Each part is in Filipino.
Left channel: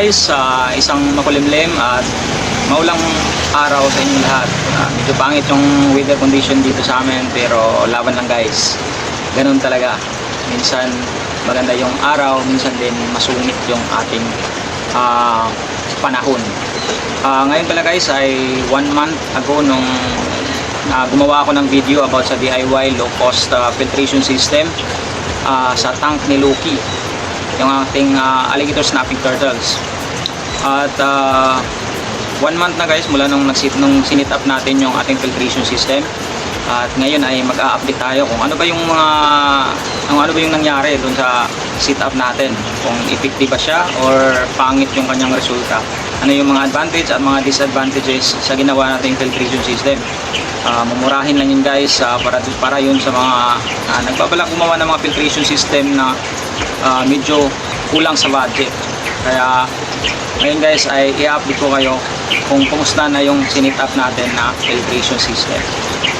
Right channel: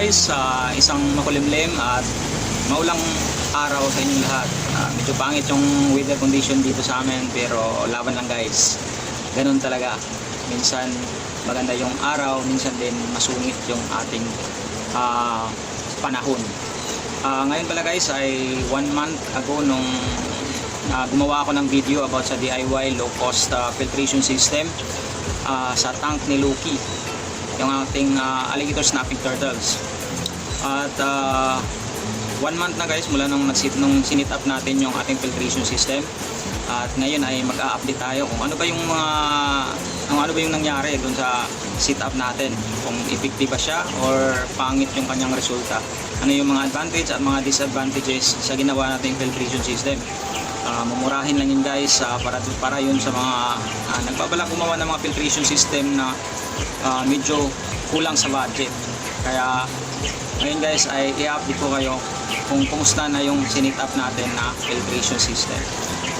guys, isang makulimlim at maulang araw sa inyong lahat. Medyo pangit yung weather condition dito sa amin, pero laban lang guys. Ganun talaga. Minsan maganda yung araw, minsan din masungit yung ating panahon. Ngayon pala guys ay 1 month ago nung gumawa ako ng video about sa DIY low cost filtration system sa tank ni Loki, yung ating alligator snapping turtles. At 1 month na guys mula nung sinit up natin yung ating filtration system. At ngayon ay mag-a-update tayo kung ano ba yung nangyari doon sa sit up natin, kung effective ba siya or pangit yung kanyang resulta, ano yung mga advantage at mga disadvantages sa ginawa nating filtration system. Mumurahin lang yun guys, para yun sa mga nagbabalak gumawa ng mga filtration system na medyo kulang sa budget. Kaya ngayon guys ay i-update ko kayo kung kumusta na yung sinit up natin na filtration system.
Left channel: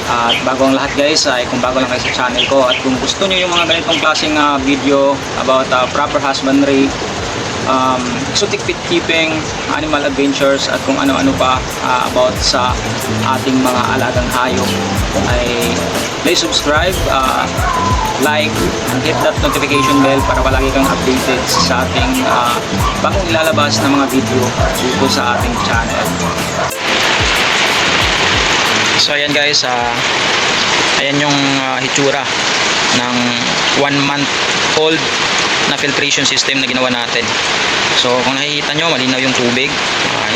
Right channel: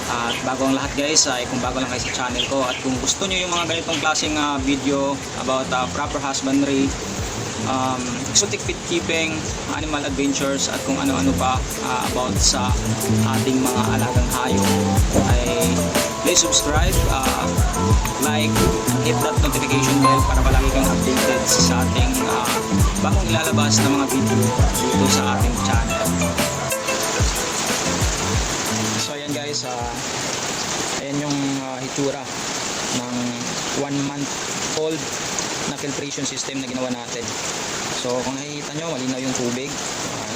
At bago ang lahat guys, ay kung bago lang kayo sa channel ko at kung gusto niyo yung mga ganitong klaseng video about proper husbandry, exotic pet keeping, animal adventures at kung ano-ano pa about sa ating mga alagang hayop, ay please subscribe, like, and hit that notification bell para palagi kang updated sa ating bagong ilalabas na mga video dito sa ating channel. So ayan guys, ayan yung hitsura ng 1 month old na filtration system na ginawa natin. So kung nakikita nyo, malinaw yung tubig,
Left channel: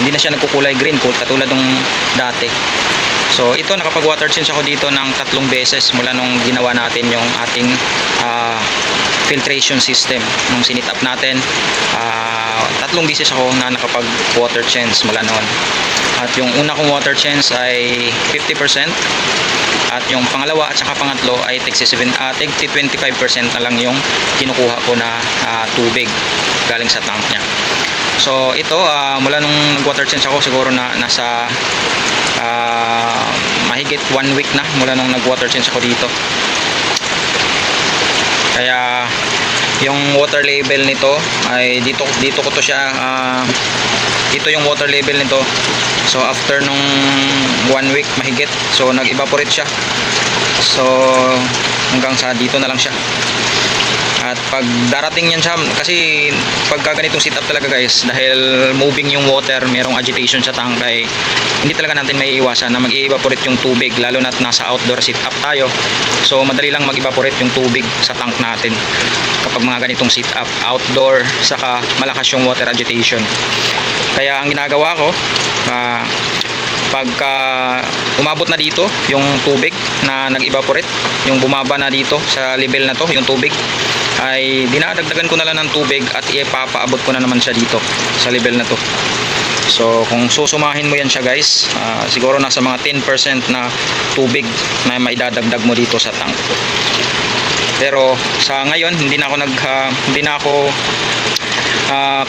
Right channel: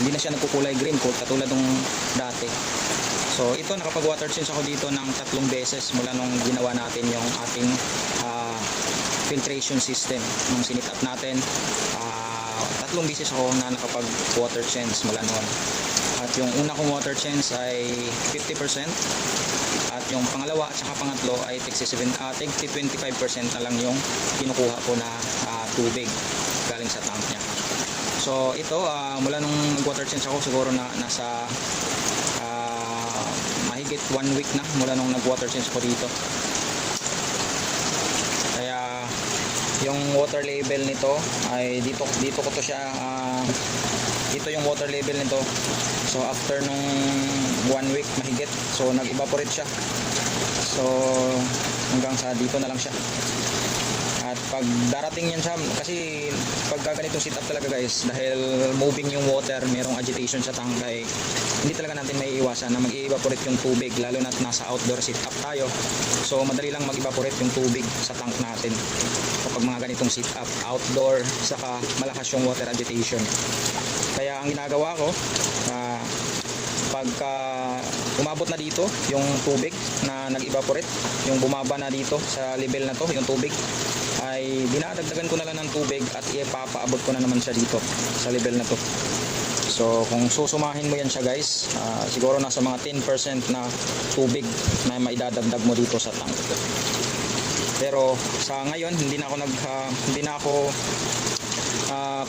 hindi na siya nagkukulay green katulad ng dati. So ito, nakapag water change ako dito ng 3 beses mula nung ginawa natin yung ating filtration system. Nung sinit up natin, 3 beses ako na nakapag water change mula noon. At yung una kong water change ay 50%, at yung pangalawa at saka pangatlo ay 25% na lang yung kinukuha ko na tubig galing sa tank niya. So ito, mula nung water change ako, siguro na nasa mahigit 1 week na mula nung nag water change ako dito. Kaya yung water level nito ay dito ko to siya, ito yung water level nito. So after nung 1 week mahigit, so nag-evaporate siya. So hanggang sa dito na lang siya. At pag darating yan siya, kasi pagka ganitong sit up talaga guys, dahil moving yung water, merong agitation sa tank, ay hindi talaga natin may iwasan na mag-evaporate yung tubig, lalo na't nasa outdoor sit up tayo. So madali lang mag-evaporate yung tubig sa tank natin kapag mga ganitong sit up outdoor, saka malakas yung water agitation. Kaya ang ginagawa ko, pagka umabot na dito yung tubig na nag-evaporate, yung bumaba na dito sa level na to yung tubig, ay dinadagdagan ko na lang ng tubig at ipapaabot ko na naman siya dito sa level na to. So kung susumahin mo yan siya guys, siguro nasa mga 10% na tubig na maidadagdag mo dito sa tank. Pero sa ngayon hindi na ako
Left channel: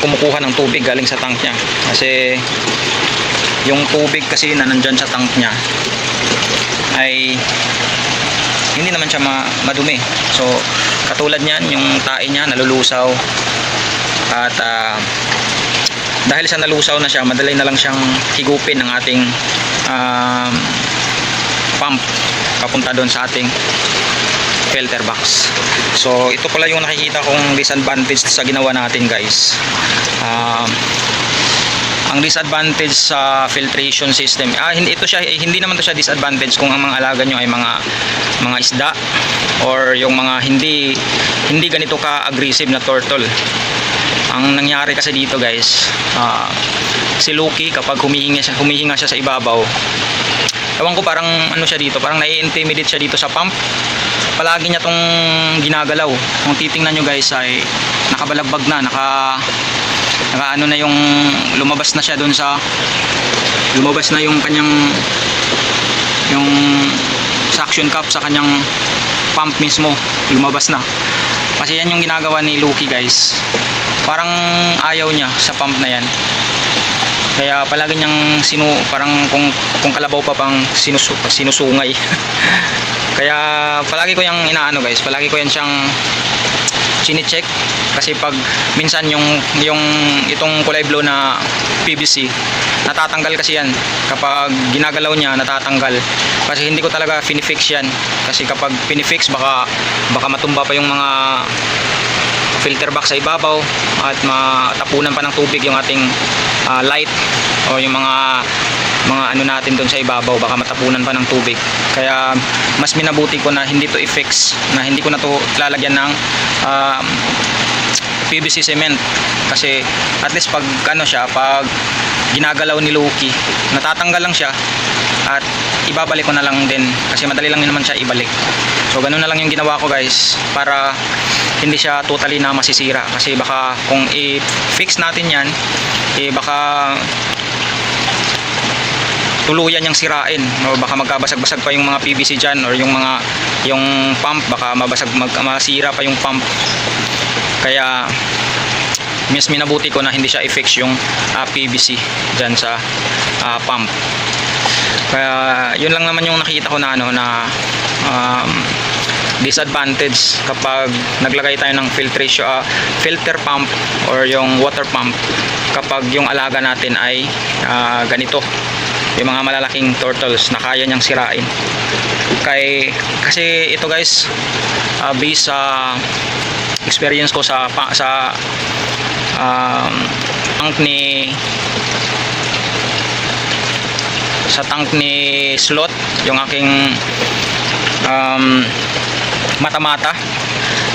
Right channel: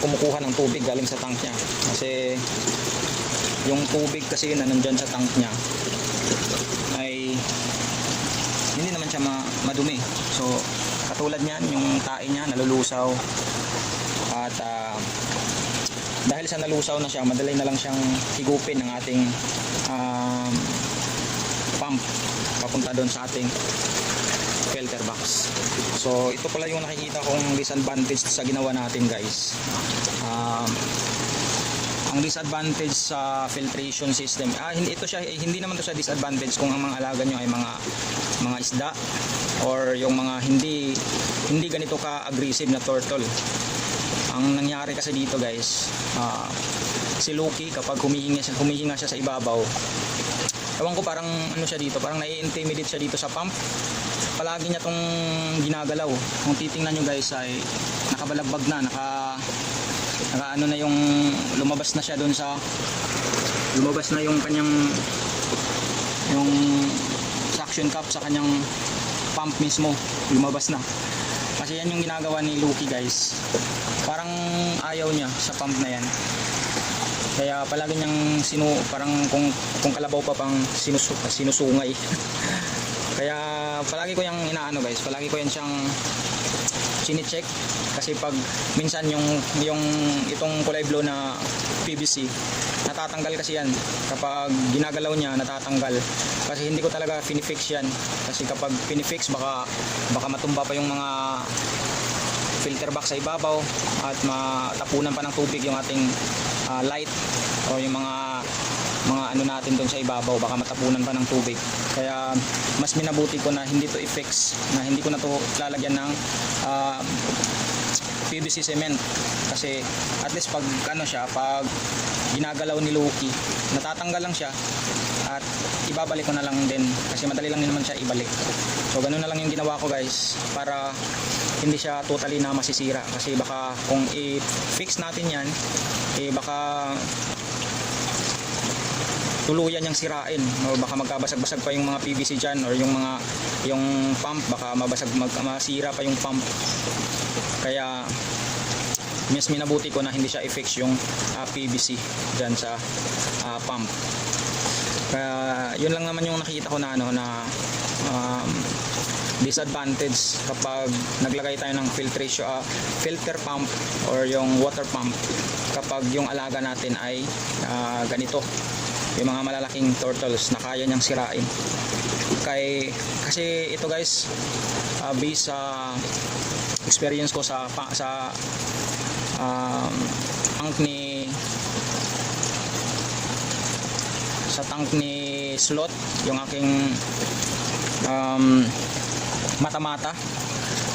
kumukuha ng tubig galing sa tank niya, kasi yung tubig kasi na nandyan sa tank niya ay hindi naman siya madumi. So katulad niyan, yung tae niya nalulusaw, at dahil sa nalusaw na siya, madali na lang siyang higupin ng ating pump papunta doon sa ating filter box. So ito pala yung nakikita kong disadvantage sa ginawa natin guys. Ang disadvantage sa filtration system, hindi naman to siya disadvantage kung ang mga alaga nyo ay mga isda or yung mga hindi ganito ka aggressive na turtle. Ang nangyari kasi dito guys, si Loki kapag humihinga siya sa ibabaw, ewan ko, parang ano siya dito, parang nai-intimidate siya dito sa pump. Palagi niya tong ginagalaw. Kung titingnan nyo guys ay nakabalagbag na, ano na yung lumabas na siya doon lumabas na yung kanyang suction cup sa kanyang pump mismo, lumabas na. Kasi yan yung ginagawa ni Loki guys, parang ayaw niya sa pump na yan. Kaya palagi niyang parang kung kalabaw pa pang sinusungay. Kaya palagi ko yung inaano guys, palagi ko yan siyang chine-check kasi pag minsan yung itong kulay blue na PVC natatanggal kasi yan kapag ginagalaw niya, natatanggal kasi hindi ko talaga finifix yan kasi kapag finifix baka matumba pa yung mga filter box sa ibabaw at matapunan pa ng tubig yung ating light o yung mga ano natin doon sa ibabaw, baka matapunan pa ng tubig. Kaya mas minabuti ko na hindi to i-fix, na hindi ko na to lalagyan ng PVC cement kasi at least pag pag ginagalaw ni Loki, natatanggal lang siya at ibabalik ko na lang din kasi madali lang naman siya ibalik. So ganun na lang yung ginawa ko guys para hindi siya totally na masisira kasi baka kung i-fix natin yan baka tuluyan niyang sirain o baka magkabasag-basag pa yung mga PVC dyan or yung pump baka masira pa yung pump. Kaya mas minabuti ko na hindi siya i-fix yung PVC dyan sa pump. Kaya yun lang naman yung nakita ko na disadvantage kapag naglagay tayo ng filter pump or yung water pump kapag yung alaga natin ay ganito, yung mga malalaking turtles na kaya niyang sirain. Kasi ito guys, based sa experience ko sa tank ni Slot, yung aking mata-mata,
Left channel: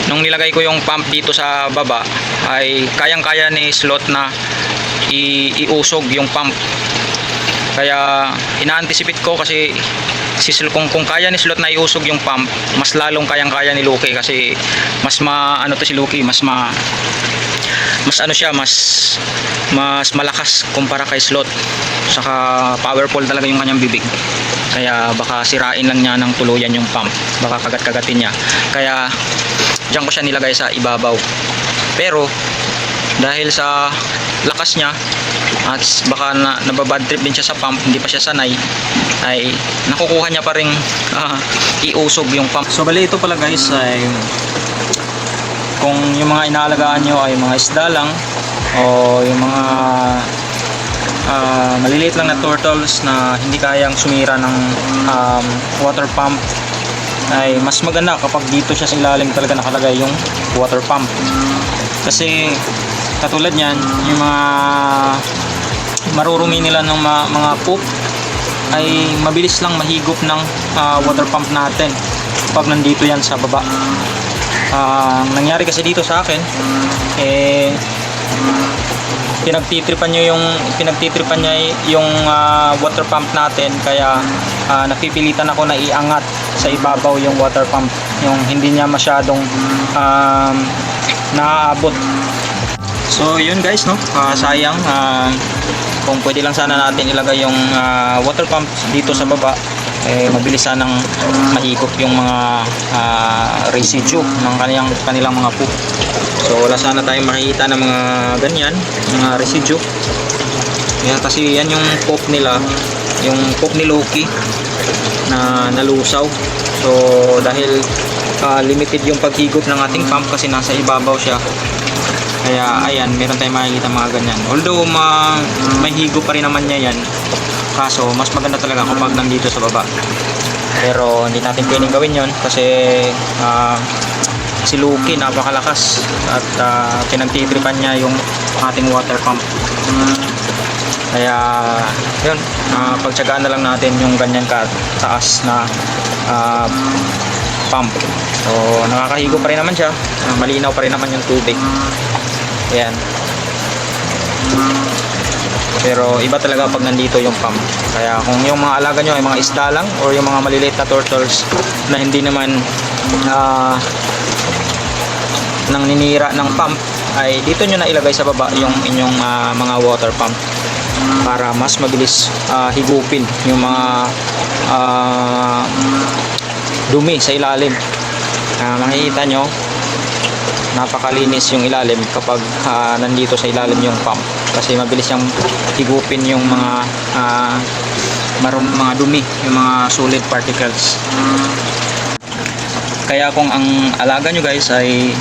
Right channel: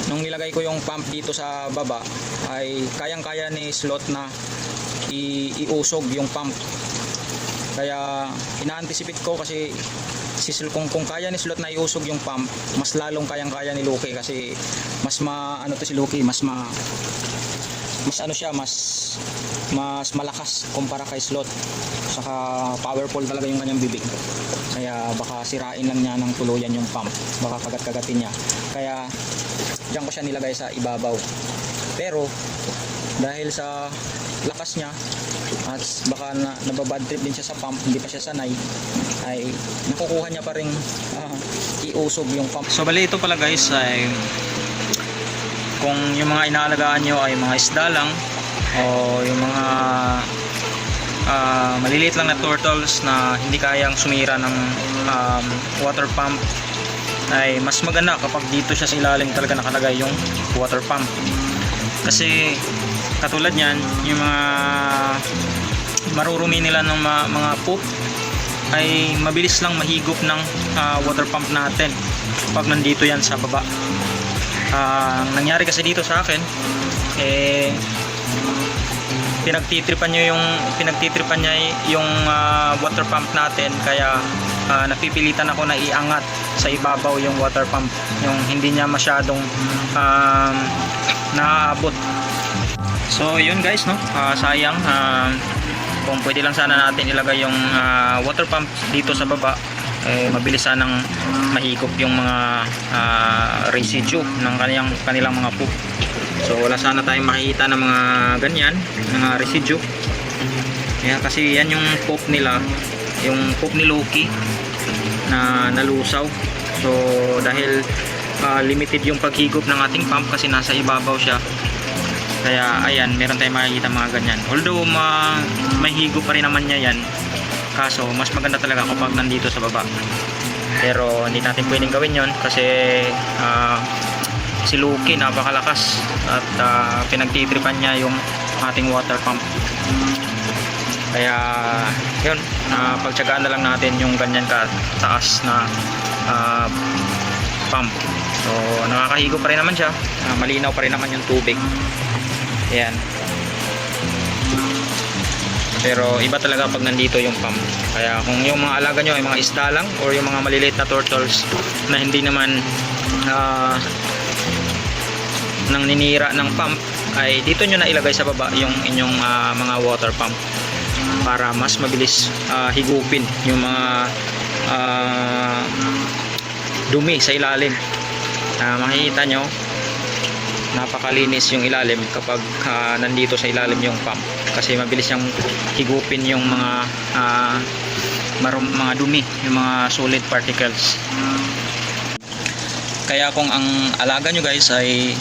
nung nilagay ko yung pump dito sa baba ay kayang-kaya ni Slot na iusog yung pump. Kaya ina-anticipate ko kasi kung kaya ni Slot na iusog yung pump, mas lalong kayang-kaya ni Loki kasi mas si Loki, mas malakas kumpara kay Slot, saka powerful talaga yung kanyang bibig. Kaya baka sirain lang niya ng tuluyan yung pump, baka kagat-kagatin niya. Kaya diyan ko siya nilagay sa ibabaw. Pero dahil sa lakas niya at baka nababad trip din siya sa pump, hindi pa siya sanay, ay nakukuha niya pa ring iusog yung pump. So bali ito pala guys ay kung yung mga inaalagaan nyo ay mga isda lang o yung mga maliliit lang na turtles na hindi kayang sumira ng water pump, ay mas maganda kapag dito siya sa ilalim talaga nakalagay yung water pump. Kasi katulad niyan, yung mga marurumi nila ng mga poop ay mabilis lang mahigop ng water pump natin pag nandito yan sa baba. Nangyari kasi dito sa akin, pinagtitripan niya yung water pump natin, kaya napipilitan ako na iangat sa ibabaw yung water pump, yung hindi niya masyadong naaabot. So yun guys, no, sayang kung pwede lang sana natin ilagay yung water pump dito sa baba, mabilis sanang mahigop yung mga residue ng kanilang mga poop. So wala sana tayong makikita ng mga ganyan, mga residue. Kasi yan yung poop nila, yung poop ni Loki na nalusaw. So dahil limited yung paghigop ng ating pump kasi nasa ibabaw siya, kaya ayan, meron tayong makikita mga ganyan. Although may higop pa rin naman niya yan, kaso mas maganda talaga kapag nandito sa baba. Pero hindi natin pwedeng gawin yon kasi si Loki napakalakas at pinagtitripan niya yung ating water pump. Kaya yun, pagtsagaan na lang natin yung ganyan kataas na pump. So nakakahigo pa rin naman siya, malinaw pa rin naman yung tubig. Ayan. Pero iba talaga pag nandito yung pump. Kaya kung yung mga alaga nyo ay mga isda lang or yung mga maliliit na turtles na hindi naman nang ninira ng pump, ay dito nyo na ilagay sa baba yung inyong mga water pump para mas mabilis higupin yung mga dumi sa ilalim. Makikita nyo napakalinis yung ilalim kapag nandito sa ilalim yung pump kasi mabilis yung higupin yung mga dumi, yung mga solid particles. Kaya kung ang alaga nyo guys ay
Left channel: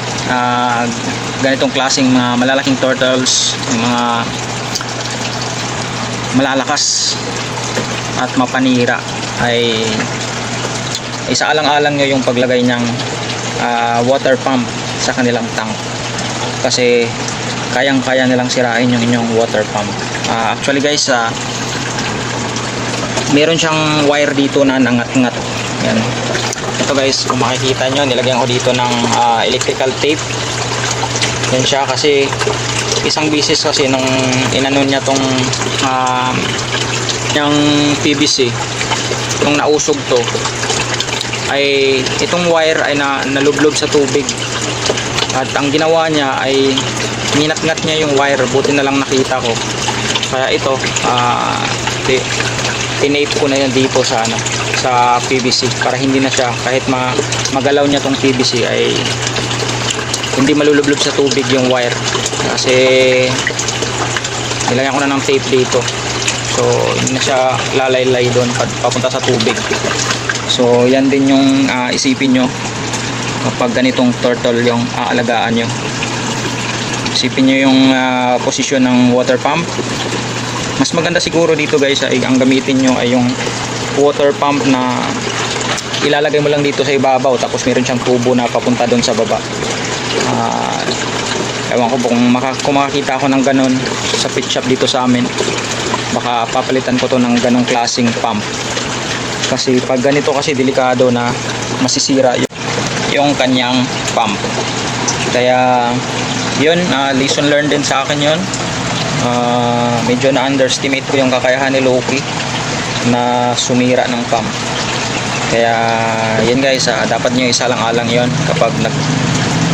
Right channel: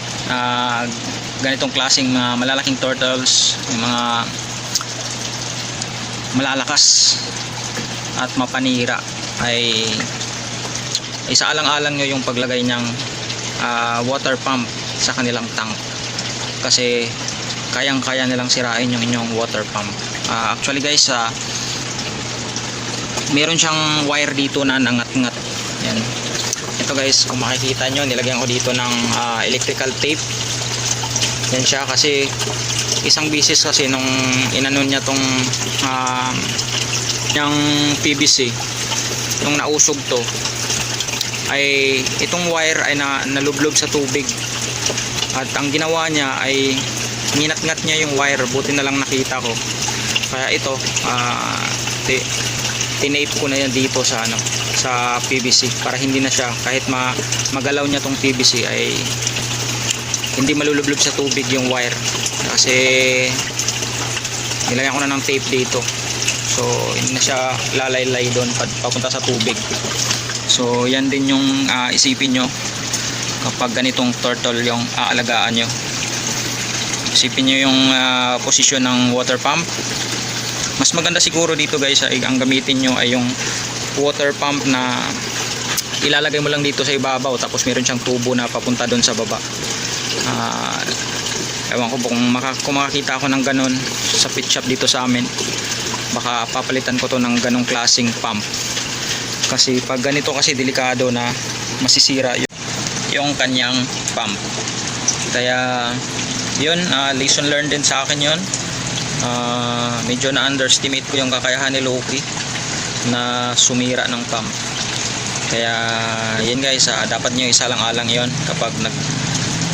ganitong klaseng mga malalaking turtles, mga malalakas at mapanira, ay isaalang-alang nyo yung paglagay ng water pump sa kanilang tank, kasi kayang-kaya nilang sirain yung inyong water pump. Actually guys, meron siyang wire dito na nangat-ngat. Yan. Ito guys, kung makikita nyo, nilagyan ko dito ng electrical tape. Yan siya, kasi isang bisis kasi nung inanon niya tong yung PVC, nung nausog to, ay itong wire ay nalublob sa tubig, at ang ginawa niya ay minat-ngat niya yung wire. Buti na lang nakita ko. Kaya ito, tinape ko na yan dito sa sa PVC, para hindi na siya, kahit magalaw niya tong PVC, ay hindi malulublob sa tubig yung wire, kasi nilagyan ko na ng tape dito, so hindi na siya lalaylay doon papunta sa tubig. So yan din yung isipin nyo kapag ganitong turtle yung aalagaan nyo. Isipin nyo yung posisyon ng water pump. Mas maganda siguro dito guys ay ang gamitin nyo ay yung water pump na ilalagay mo lang dito sa ibabaw, tapos meron siyang tubo na papunta doon sa baba. Ewan ko kung makakita ako ng ganun sa pet shop dito sa amin, baka papalitan ko to ng ganung klaseng pump, kasi pag ganito kasi delikado na masisira yung kanyang pump. Kaya yun, lesson learned din sa akin yun. Medyo na-underestimate ko yung kakayahan ni Loki na sumira ng pump. Kaya yun guys, dapat nyo isalang-alang yun kapag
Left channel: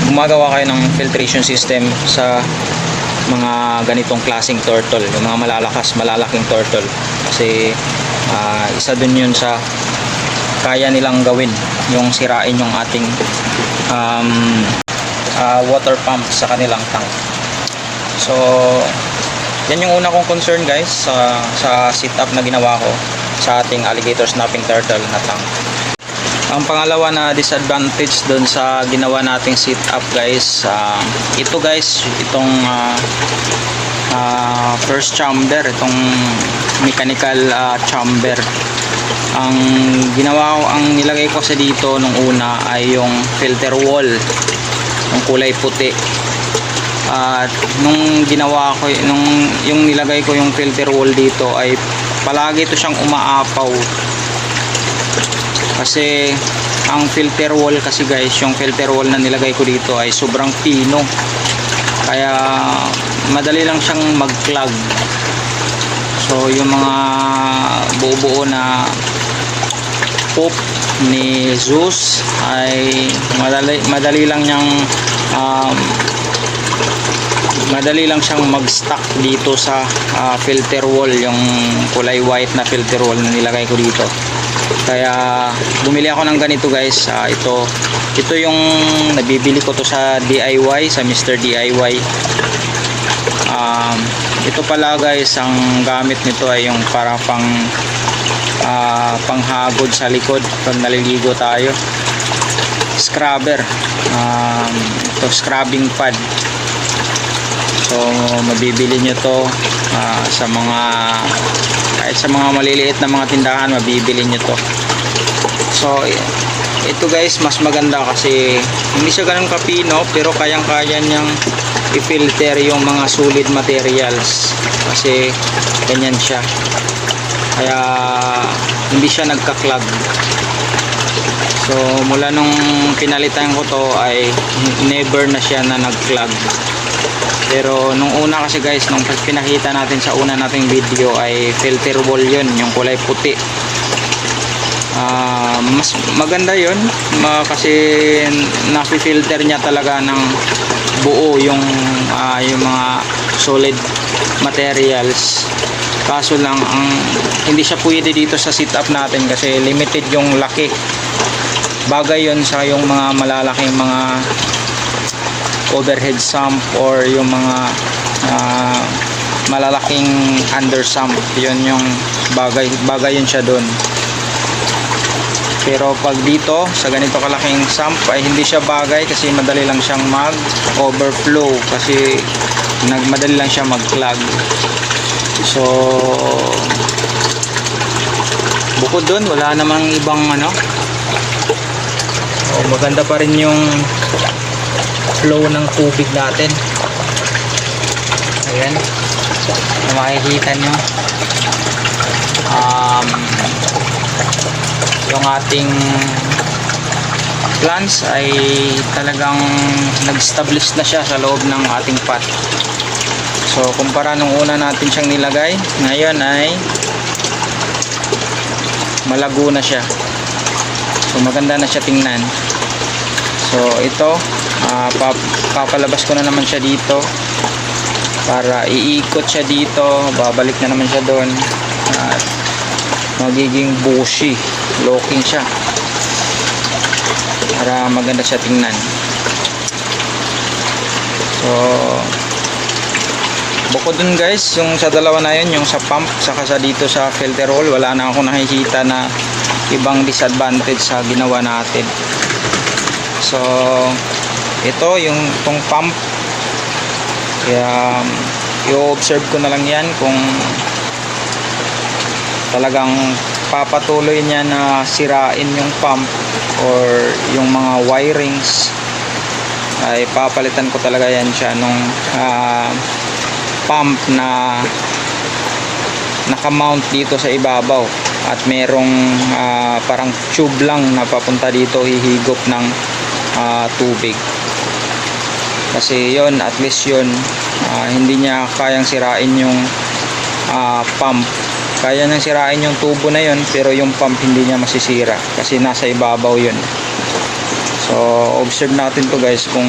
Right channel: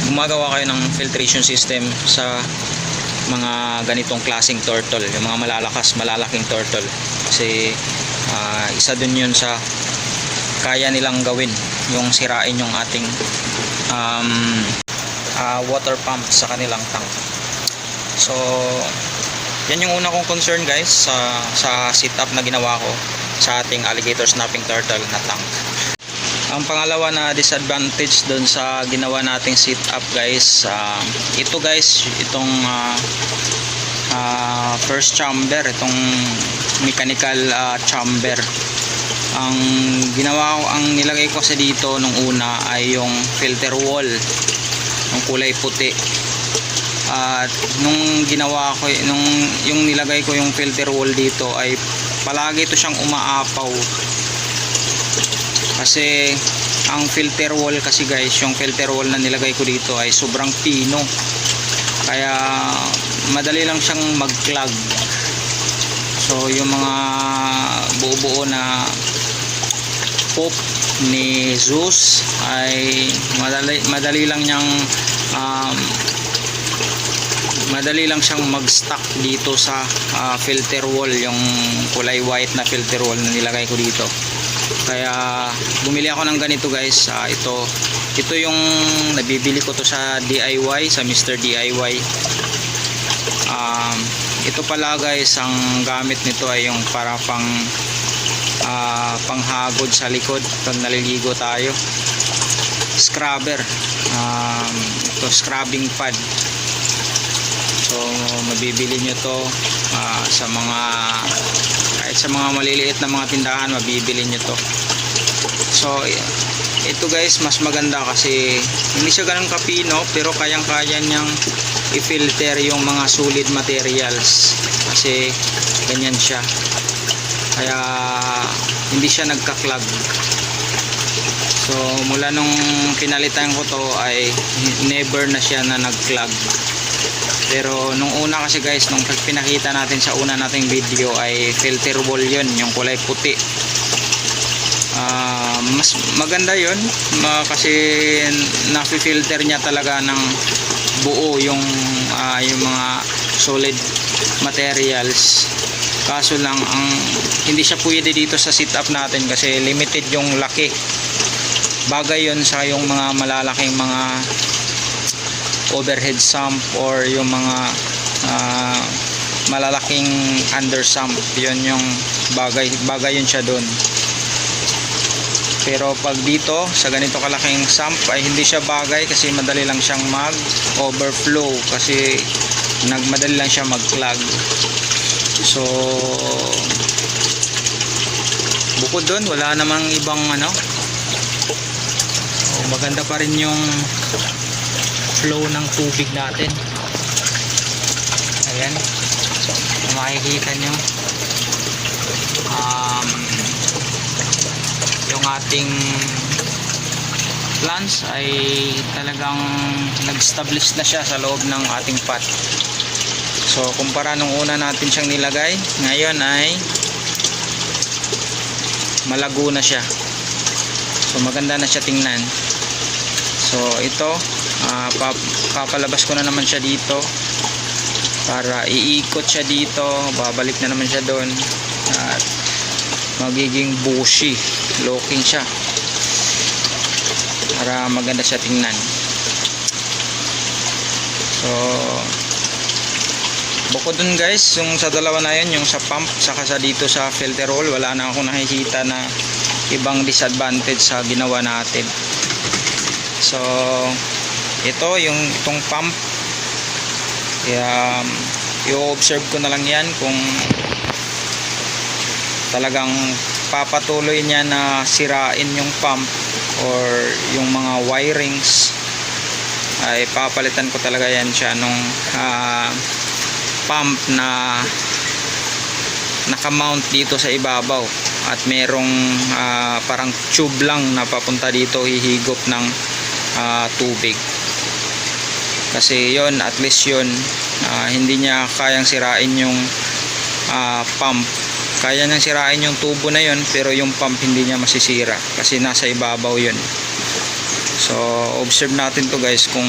gumagawa kayo ng filtration system sa mga ganitong klaseng turtle, yung mga malalaking turtle, kasi isa dun yun sa kaya nilang gawin, yung sirain yung ating water pump sa kanilang tank. So yan yung una kong concern guys sa setup na ginawa ko sa ating alligator snapping turtle na tank. Ang pangalawa na disadvantage doon sa ginawa nating setup guys, ito guys, itong first chamber, itong mechanical chamber. Ang nilagay ko sa dito nung una ay yung filter wall, yung kulay puti. At nung ginawa ko, yung nilagay ko yung filter wall dito, ay palagi ito siyang umaapaw, kasi ang filter wall kasi guys, yung filter wall na nilagay ko dito ay sobrang pino, kaya madali lang siyang mag-clog. So yung mga buo-buo na poop ni Zeus ay madali lang siyang mag-stuck dito sa filter wall, yung kulay white na filter wall na nilagay ko dito. Kaya bumili ako ng ganito guys. Ito yung nabibili ko to sa DIY, sa Mr. DIY. Ito pala guys, ang gamit nito ay yung para panghagod sa likod pag naliligo tayo. Scrubber, ito scrubbing pad. So mabibili nyo to kahit sa mga maliliit na mga tindahan, mabibili nyo to. So ito guys, mas maganda kasi hindi siya ganun kapino, pero kayang-kaya niyang i-filter yung mga solid materials, kasi ganyan siya, kaya hindi siya nagka-clog. So mula nung pinalitan ko to ay never na siya na nag-clog. Pero nung una kasi guys, nung pinakita natin sa una nating video, ay filter wall yun, yung kulay puti. Mas maganda yun kasi nafi-filter niya talaga ng buo yung mga solid materials. Kaso lang, hindi siya pwede dito sa setup natin kasi limited yung laki. Bagay yun sa yung mga malalaking mga overhead sump or yung mga malalaking under sump. Yun yung bagay yun siya doon. Pero pag dito sa ganito kalaking sump ay hindi siya bagay kasi madali lang siyang mag-overflow kasi madali lang siya mag-clog. So bukod doon wala namang ibang maganda pa rin yung flow ng tubig natin. Ayan, makikita nyo yung ating plants ay talagang nag-establish na siya sa loob ng ating pot. So kumpara nung una natin siyang nilagay, ngayon ay malago na siya. So maganda na siya tingnan. So ito papalabas ko na naman siya dito para iikot siya dito, babalik na naman siya doon at magiging bushy looking siya para maganda siya tingnan. So bukod dun guys, yung sa dalawa na yun, yung sa pump saka sa dito sa filter hole, wala na ako nakikita na ibang disadvantage sa ginawa natin. So ito yung itong pump, kaya i-observe ko na lang yan kung talagang papatuloy niya na sirain yung pump or yung mga wirings, ay papalitan ko talaga yan siya nung pump na nakamount dito sa ibabaw at merong parang tube lang na papunta dito hihigop ng tubig. Kasi yon, at least yon, hindi niya kayang sirain yung pump. Kaya niyang sirain yung tubo na yon, pero yung pump hindi niya masisira kasi nasa ibabaw yon. So observe natin to guys kung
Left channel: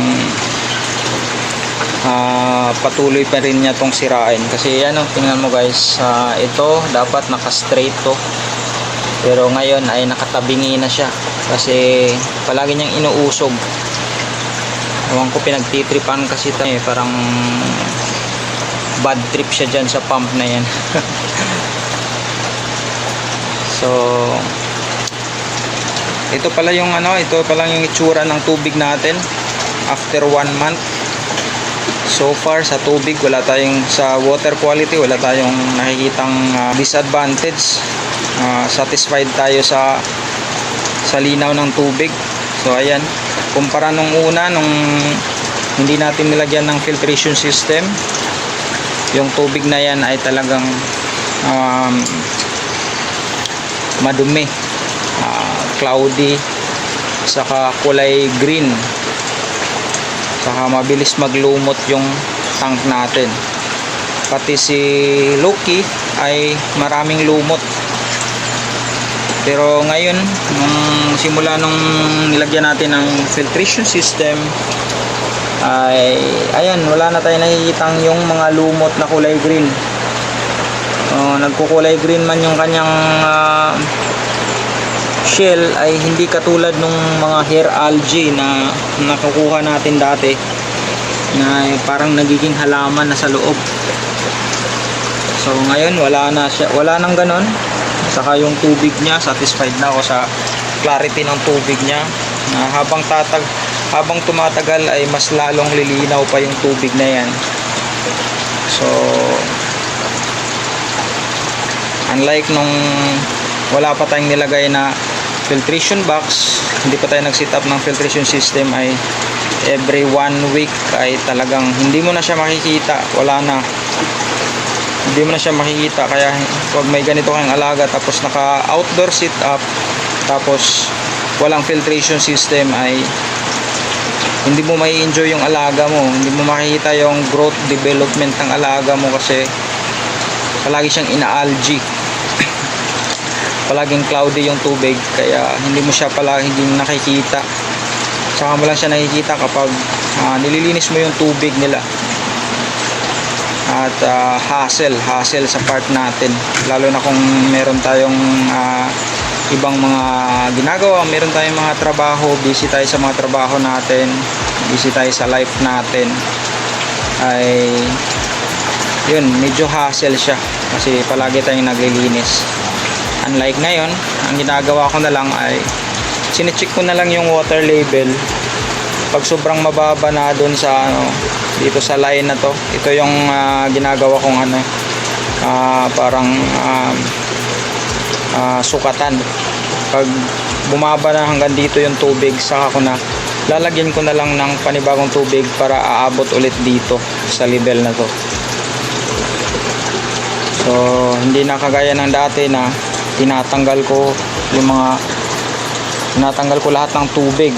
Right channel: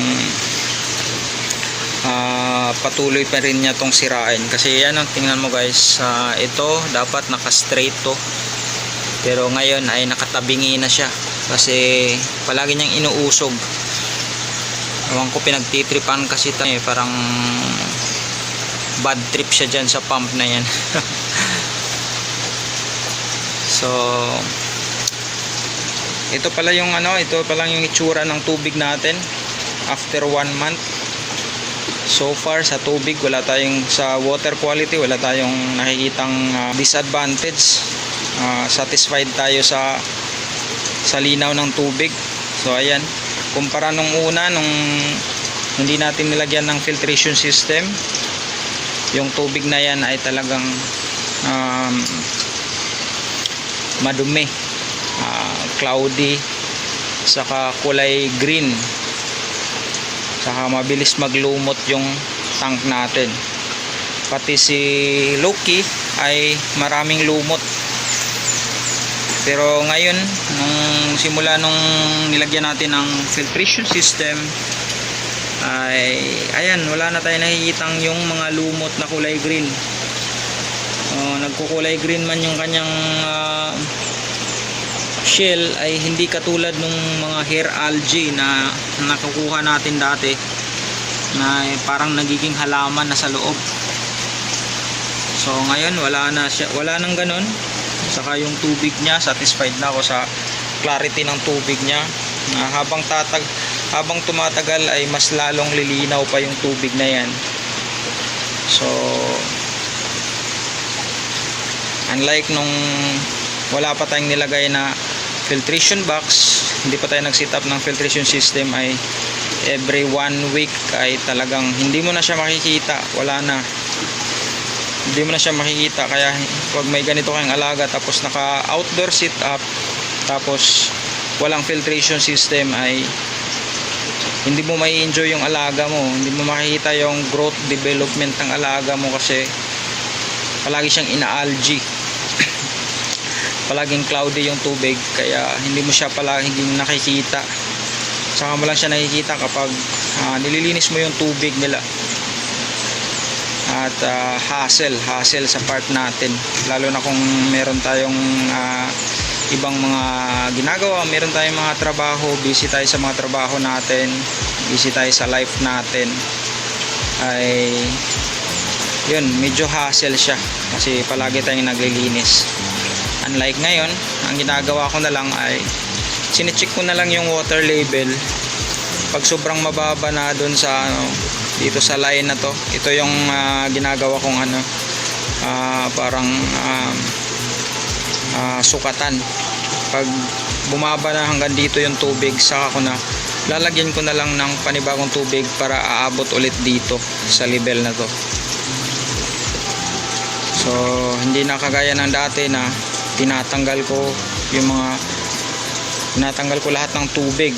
patuloy pa rin niya tong sirain. Kasi tingnan mo guys, ito dapat naka straight to, pero ngayon ay nakatabingi na siya kasi palagi niyang inuusog. Ewan ko, pinagtitripan kasi ito parang bad trip siya dyan sa pump na yan. So ito pala yung ito pala yung itsura ng tubig natin after 1 month. So far sa tubig wala tayong, sa water quality wala tayong nakikitang disadvantage. Satisfied tayo sa linaw ng tubig. So ayan, kumpara nung una, nung hindi natin nilagyan ng filtration system, yung tubig na yan ay talagang madumi, cloudy, saka kulay green, saka mabilis maglumot yung tank natin. Pati si Loki ay maraming lumot. Pero ngayon, simula nung nilagyan natin ng filtration system, ay ayan, wala na tayo nakikitang yung mga lumot na kulay green. Nagkukulay green man yung kanyang shell, ay hindi katulad nung mga hair algae na nakukuha natin dati na parang nagiging halaman na sa loob. So ngayon wala na siya, wala nang ganon. Saka yung tubig niya, satisfied na ako sa clarity ng tubig niya, na habang tumatagal ay mas lalong lilinaw pa yung tubig na yan. So unlike nung wala pa tayong nilagay na filtration box, hindi pa tayo nag-set up ng filtration system, ay every 1 week ay talagang hindi mo na siya makikita, wala na, hindi mo na siya makikita. Kaya pag may ganito kang alaga tapos naka outdoor sit up tapos walang filtration system, ay hindi mo mai enjoy yung alaga mo, hindi mo makikita yung growth development ng alaga mo kasi palagi siyang ina-algae. Palaging cloudy yung tubig, kaya hindi mo siya palaging nakikita. Saka mo lang siya nakikita kapag nililinis mo yung tubig nila. At hassle sa part natin, lalo na kung meron tayong ibang mga ginagawa, meron tayong mga trabaho, busy tayo sa mga trabaho natin, busy tayo sa life natin, ay yun, medyo hassle siya kasi palagi tayong naglilinis. Unlike ngayon, ang ginagawa ko na lang ay Sinecheck ko na lang yung water level. Pag sobrang mababa na doon sa dito sa line na to, ito yung ginagawa kong parang sukatan. Pag bumaba na hanggang dito yung tubig, saka ko na lalagyan ko na lang ng panibagong tubig para aabot ulit dito sa level na to. So hindi na kagaya ng dati na tinatanggal ko lahat ng tubig.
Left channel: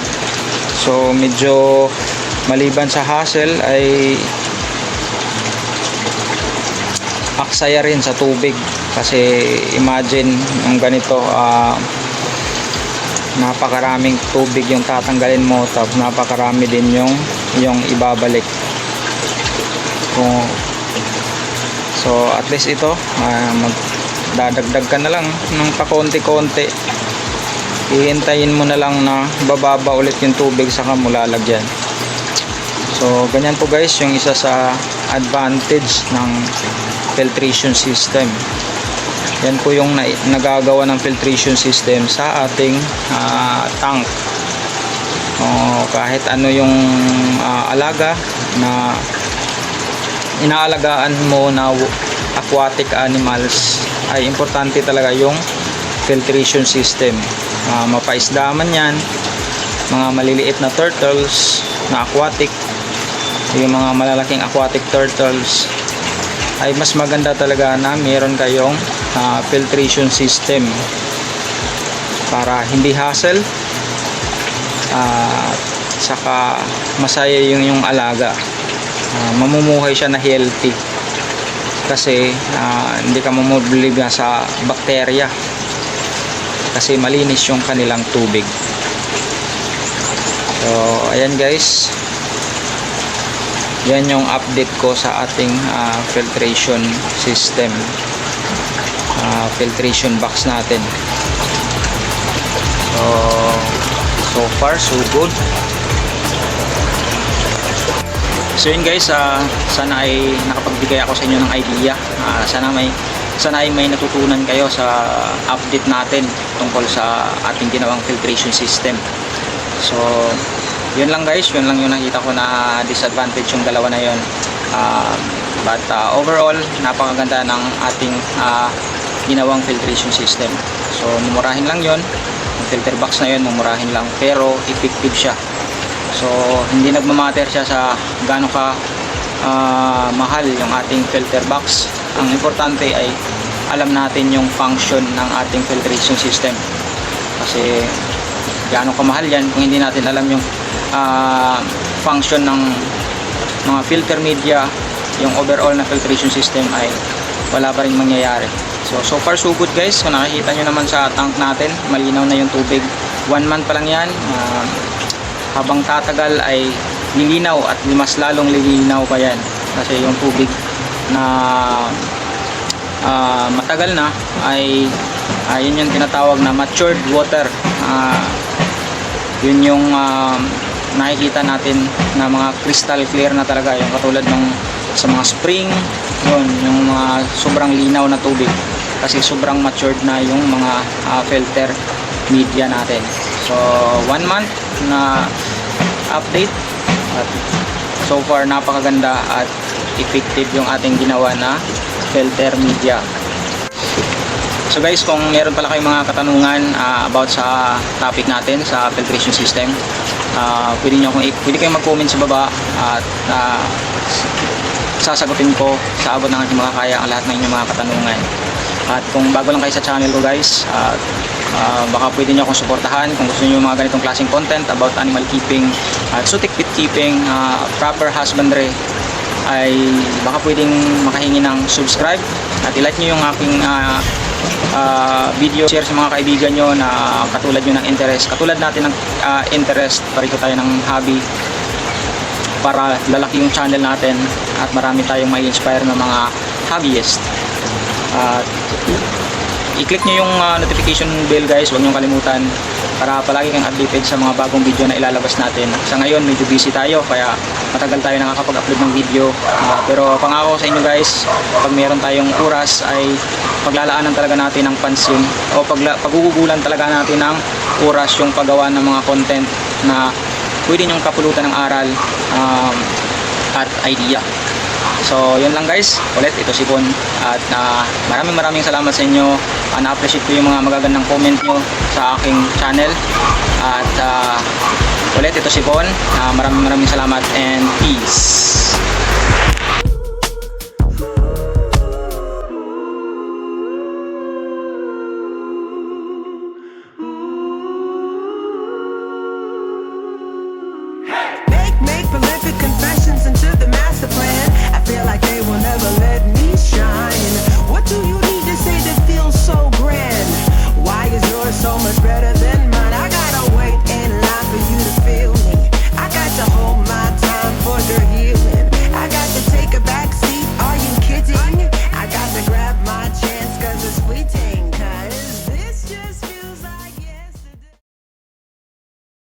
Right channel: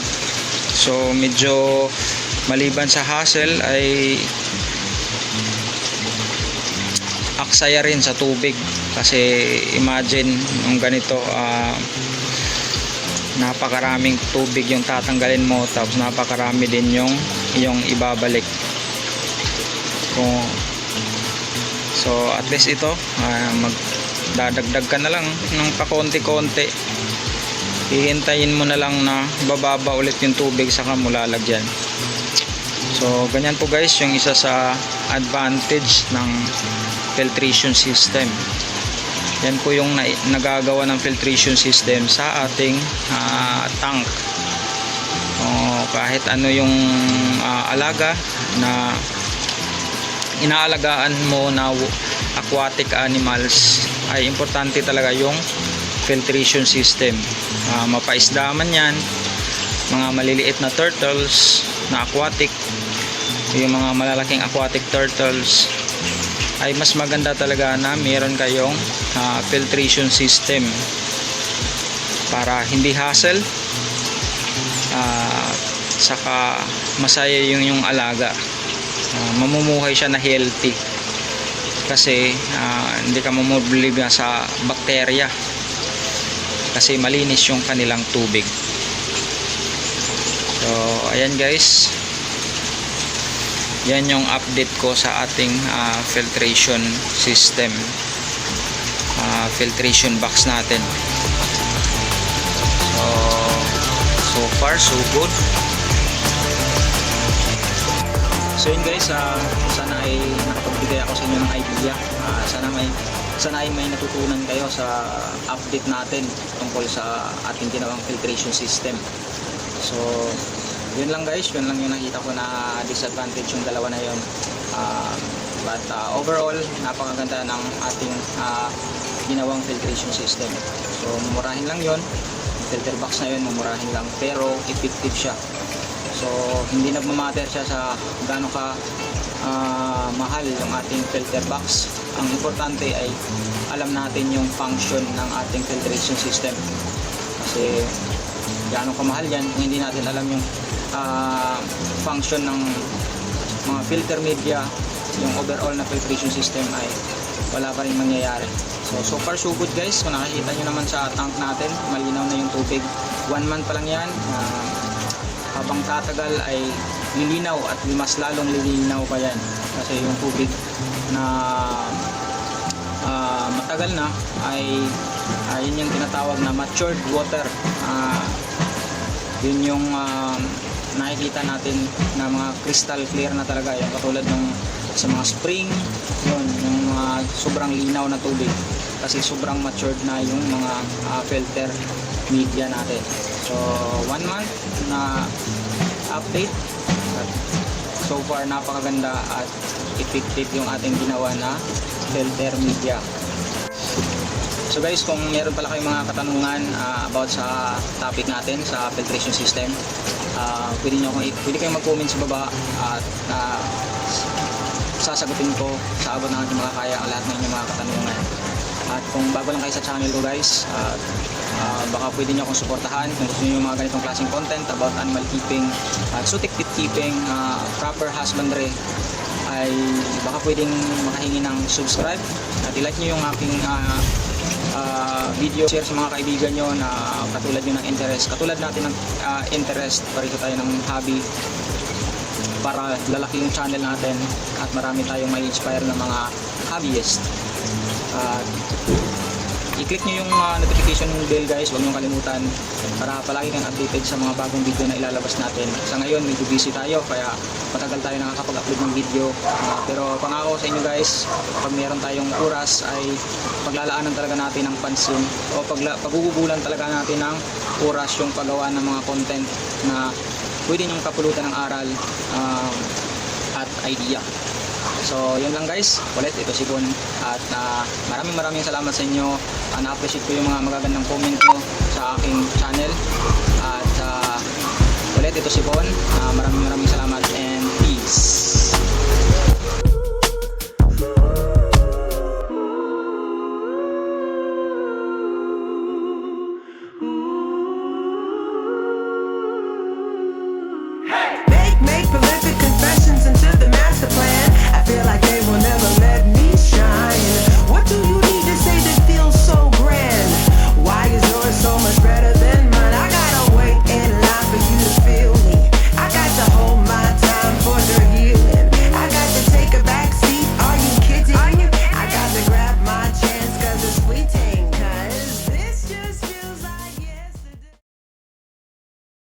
So medyo maliban sa hassle ay aksaya rin sa tubig, kasi imagine ang ganito, napakaraming tubig yung tatanggalin mo, tapos napakarami din yung ibabalik. So at least ito magdadagdag ka na lang ng pakonti-konti, ihintayin mo na lang na bababa ulit yung tubig, saka mo lalagyan. So ganyan po guys yung isa sa advantage ng filtration system. Yan po yung nagagawa ng filtration system sa ating tank. Kahit ano yung alaga na inaalagaan mo na aquatic animals, ay importante talaga yung filtration system. Mapaisda man yan, mga maliliit na turtles na aquatic, yung mga malalaking aquatic turtles, ay mas maganda talaga na meron kayong filtration system para hindi hassle, saka masaya yung alaga. Mamumuhay siya na healthy, kasi hindi ka mamumulibya sa bakterya, kasi malinis yung kanilang tubig. So ayan guys, yan yung update ko sa ating filtration system, filtration box natin. So far so good. So yun guys, sana ay nakapagbigay ako sa inyo ng idea. Sana ay may natutunan kayo sa update natin tungkol sa ating ginawang filtration system. So yun lang guys, yun lang yung nakita ko na disadvantage, yung dalawa na yun. But overall, napakaganda ng ating ginawang filtration system. So mumurahin lang yun, yung filter box na yun mumurahin lang, pero effective siya. So hindi nagmamatter siya sa gaano ka mahal yung ating filter box. Ang importante ay alam natin yung function ng ating filtration system, kasi gaano ka mahal yan kung hindi natin alam yung function ng mga filter media, yung overall na filtration system, ay wala pa rin mangyayari. So far so good guys. So nakikita nyo naman sa tank natin, malinaw na yung tubig. 1 month pa lang yan. Habang tatagal ay lilinaw, at mas lalong lilinaw pa yan, kasi yung tubig na matagal na ay yun yung tinatawag na matured water. Yun yung nakikita natin na mga crystal clear na talaga, yung katulad ng sa mga spring, yun yung mga sobrang linaw na tubig, kasi sobrang matured na yung mga filter media natin. So 1 month na update, at so far napakaganda at effective yung ating ginawa na filter media. So guys, kung meron pala kayong mga katanungan about sa topic natin sa filtration system, pwede kayong mag-comment sa baba, at sasagutin ko sa abot ng aking mga kaya ang lahat ng inyong mga katanungan. At kung bago lang kayo sa channel ko guys, baka pwede nyo akong suportahan kung gusto nyo yung mga ganitong klaseng content about animal keeping at sutik pit keeping, proper husbandry, ay baka pwedeng makahingi ng subscribe at i-like nyo yung aking video, share sa mga kaibigan nyo na katulad nyo ng interest, katulad natin ng interest, pareho tayo ng hobby, para lalaki yung channel natin at marami tayong may inspire ng mga hobbyist. I-click nyo yung notification bell guys, huwag nyo kalimutan, para palagi kang updated sa mga bagong video na ilalabas natin. Sa ngayon medyo busy tayo, kaya matagal tayo nakakapag-upload ng video, pero pangako sa inyo guys, pag meron tayong oras ay paglalaanan talaga natin ng pansin, o paggugugulan talaga natin ng oras yung paggawa ng mga content na pwede nyong kapulutan ng aral at idea. So yun lang guys, ulit ito si Bon at maraming salamat sa inyo. Na-appreciate ko yung mga magagandang comment nyo sa aking channel at ulit ito si Bon. Maraming salamat and peace.